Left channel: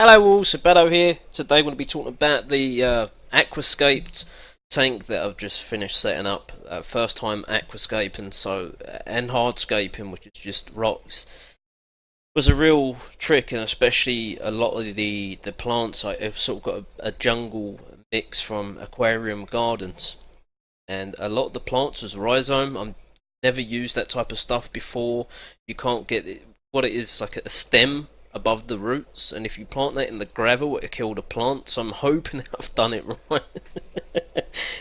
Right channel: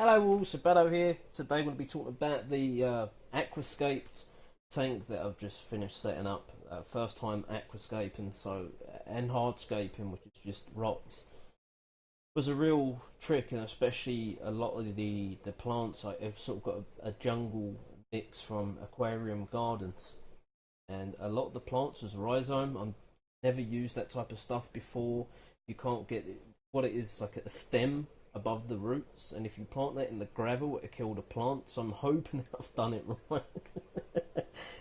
Hello all, Sabado here. Today we're going to be talking about the Aquascaped tank that I've just finished setting up. First time aquascaping, and hardscaping, which is just rocks, was a real trick, and especially a lot of the plants. I've sort of got a jungle mix from aquarium gardens, and a lot of the plants was rhizome. I've never used that type of stuff before. You can't get it, what it is, like a stem above the roots, and if you plant that in the gravel, it'll kill the plant. So I'm hoping that I've done it right.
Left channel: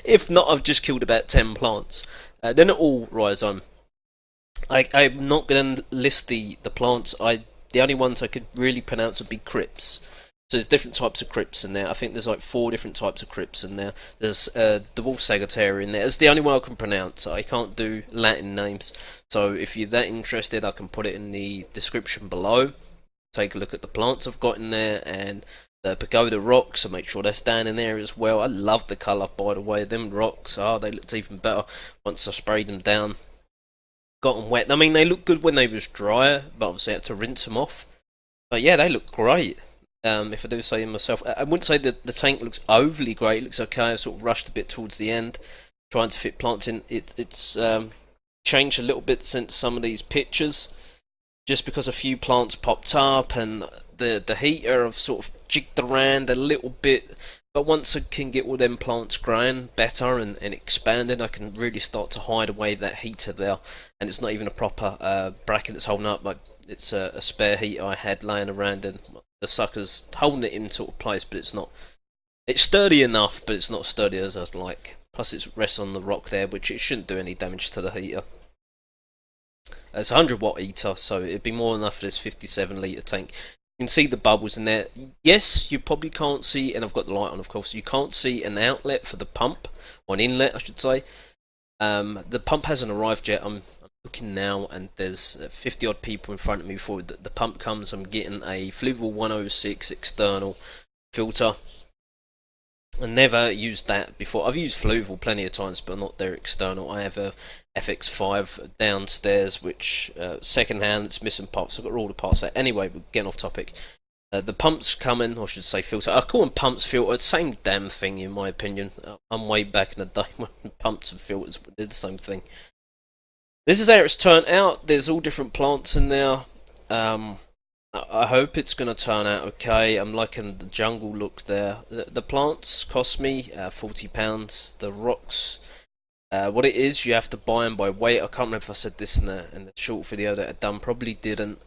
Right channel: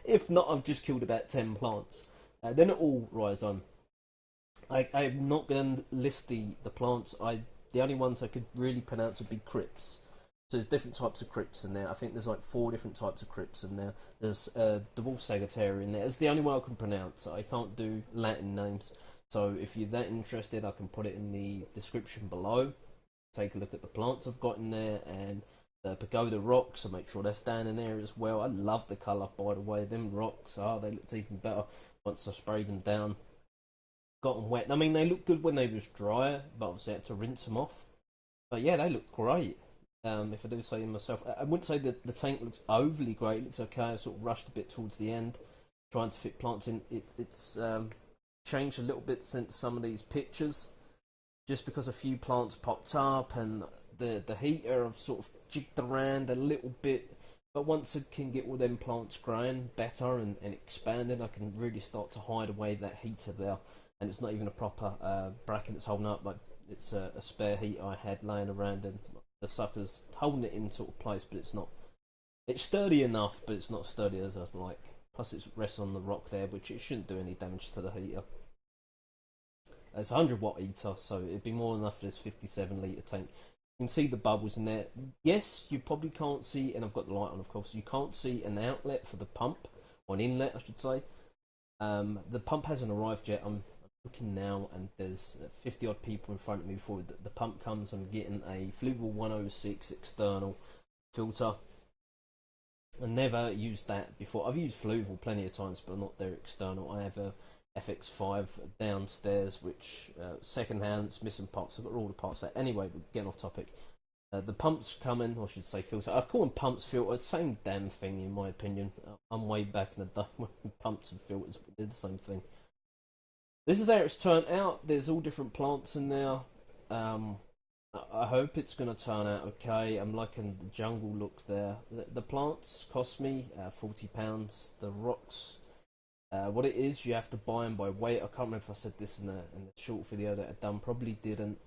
If not, I've just killed about 10 plants. They're not all rhizome. I'm not going to list the plants. The only ones I could really pronounce would be crypts. So there's different types of crypts in there. I think there's like 4 different types of crypts in there. There's the wolf sagittaria in there. It's the only one I can pronounce. I can't do Latin names. So if you're that interested, I can put it in the description below. Take a look at the plants I've got in there and the pagoda rocks, and make sure they're standing there as well. I love the colour, by the way. Them rocks, they looked even better once I sprayed them down, got them wet. I mean, they look good when they was drier, but obviously I had to rinse them off. But yeah, they look great. If I do say myself, I wouldn't say that the tank looks overly great. It looks okay. I sort of rushed a bit towards the end, trying to fit plants in. It's changed a little bit since some of these pictures, just because a few plants popped up, and the heater have sort of jigged around a little bit. But once I can get all them plants growing better and expanding, I can really start to hide away that heater there. And it's not even a proper bracket that's holding up. Like, it's a spare heater I had laying around, and the sucker's holding it in sort of place, but it's not. It's sturdy enough, but it's not sturdy as I'd like. Plus, it rests on the rock there, which it shouldn't do any damage to the heater. It's a 100 watt heater, so it'd be more than enough for this 57 litre tank. You can see the bubbles in there. Yes, you probably can't see, and I've got the light on, of course. You can't see an outlet for the pump, or an inlet, I should say. The pump hasn't arrived yet. I'm looking now, and there's 50 odd people in front of me before the pump comes. I'm getting a Fluval 106 external filter. I never used that before. I've used Fluval plenty of times, but not their external. I have a FX5 downstairs, which second hand. It's missing parts. I've got all the parts there. Anyway, we're getting off topic. The pumps coming, or I should say filter. I call them pumps, filter. Same damn thing, in my opinion. I'm way back in the day when pumps and filters did the same thing. This is how it's turned out. There's all different plants in there. I hope it's going to turn out okay. I'm liking the jungle look there. The plants cost me £40. The rocks, what it is, you have to buy them by weight. I can't remember if I said this in the short video that I'd done. Probably didn't.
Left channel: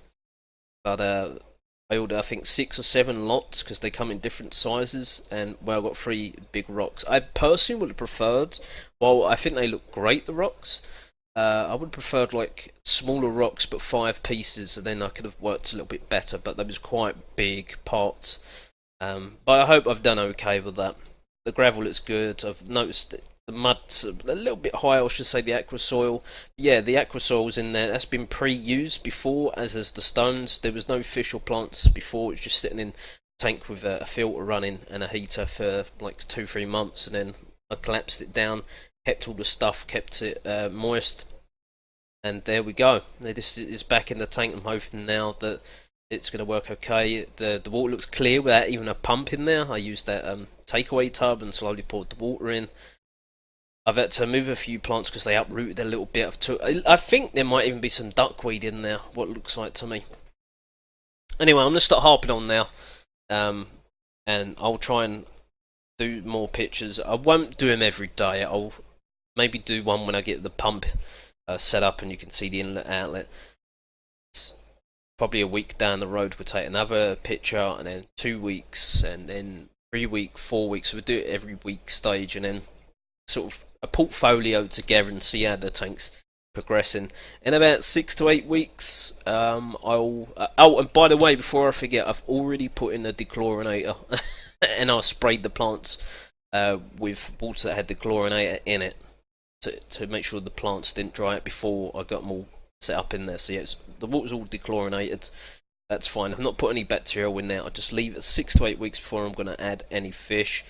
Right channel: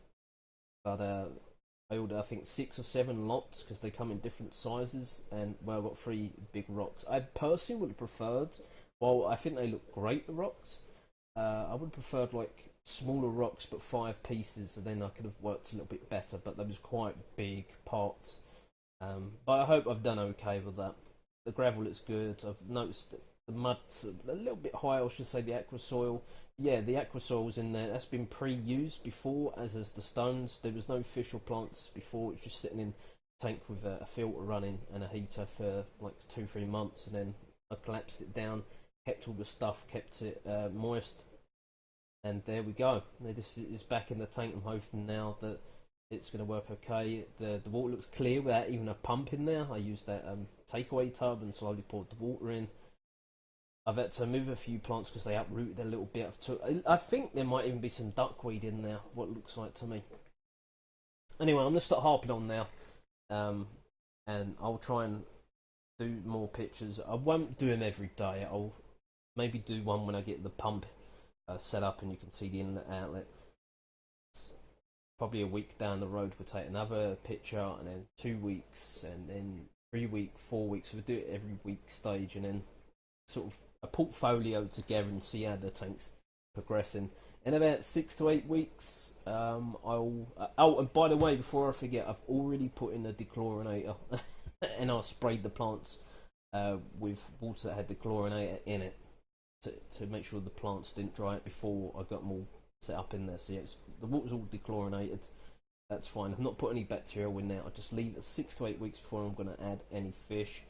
But I ordered, I think, 6 or 7 lots, because they come in different sizes. And well, I got 3 big rocks. I personally would have preferred, well, I think they look great, the rocks. I would have preferred like smaller rocks, but 5 pieces, and then I could have worked a little bit better. But they was quite big parts. But I hope I've done okay with that. The gravel looks good. I've noticed the mud's a little bit higher, I should say, the aqua soil. Yeah, the aqua soil's in there. That's been pre-used before, as is the stones. There was no fish or plants before. It was just sitting in a tank with a filter running and a heater for like 2-3 months, and then I collapsed it down, kept all the stuff, kept it moist, and there we go. This is back in the tank. I'm hoping now that it's going to work okay. The water looks clear without even a pump in there. I used that takeaway tub and slowly poured the water in. I've had to move a few plants because they uprooted a little bit. I think there might even be some duckweed in there, what it looks like to me. Anyway, I'm going to start harping on now, and I'll try and do more pictures. I won't do them every day. I'll maybe do one when I get the pump set up and you can see the inlet outlet. It's probably a week down the road, we'll take another picture, and then 2 weeks, and then 3 weeks, 4 weeks. So we'll do it every week stage, and then sort of a portfolio together and see how the tank's progressing. In about 6 to 8 weeks, I'll. Oh, and by the way, before I forget, I've already put in a dechlorinator, and I sprayed the plants with water that had dechlorinator in it to make sure the plants didn't dry out before I got them all set up in there. So yeah, the water's all dechlorinated. That's fine. I've not put any bacterial in there. I just leave it 6 to 8 weeks before I'm going to add any fish.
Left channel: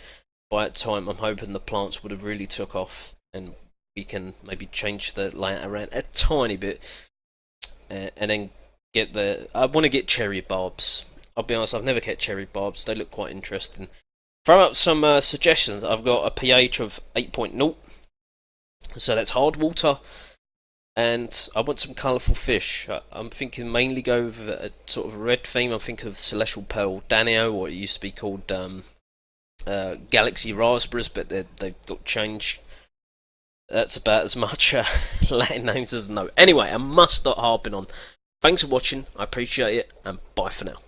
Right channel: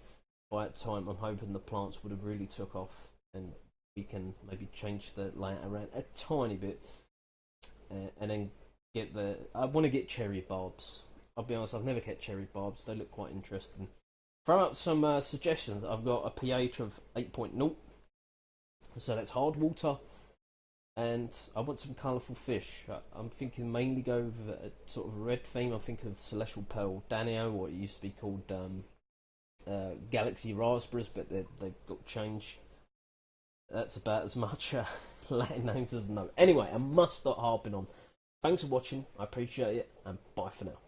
By that time, I'm hoping the plants would have really took off, and we can maybe change the layout around a tiny bit, and then get the. I want to get cherry bulbs. I'll be honest, I've never kept cherry barbs. They look quite interesting. Throw out some suggestions. I've got a pH of 8.0, so that's hard water, and I want some colourful fish. I'm thinking mainly go with a sort of red theme. I'm thinking of Celestial Pearl Danio, or it used to be called Galaxy Raspberries, but they've got changed. That's about as much Latin names as I know. Anyway, I must stop harping on. Thanks for watching. I appreciate it, and bye for now.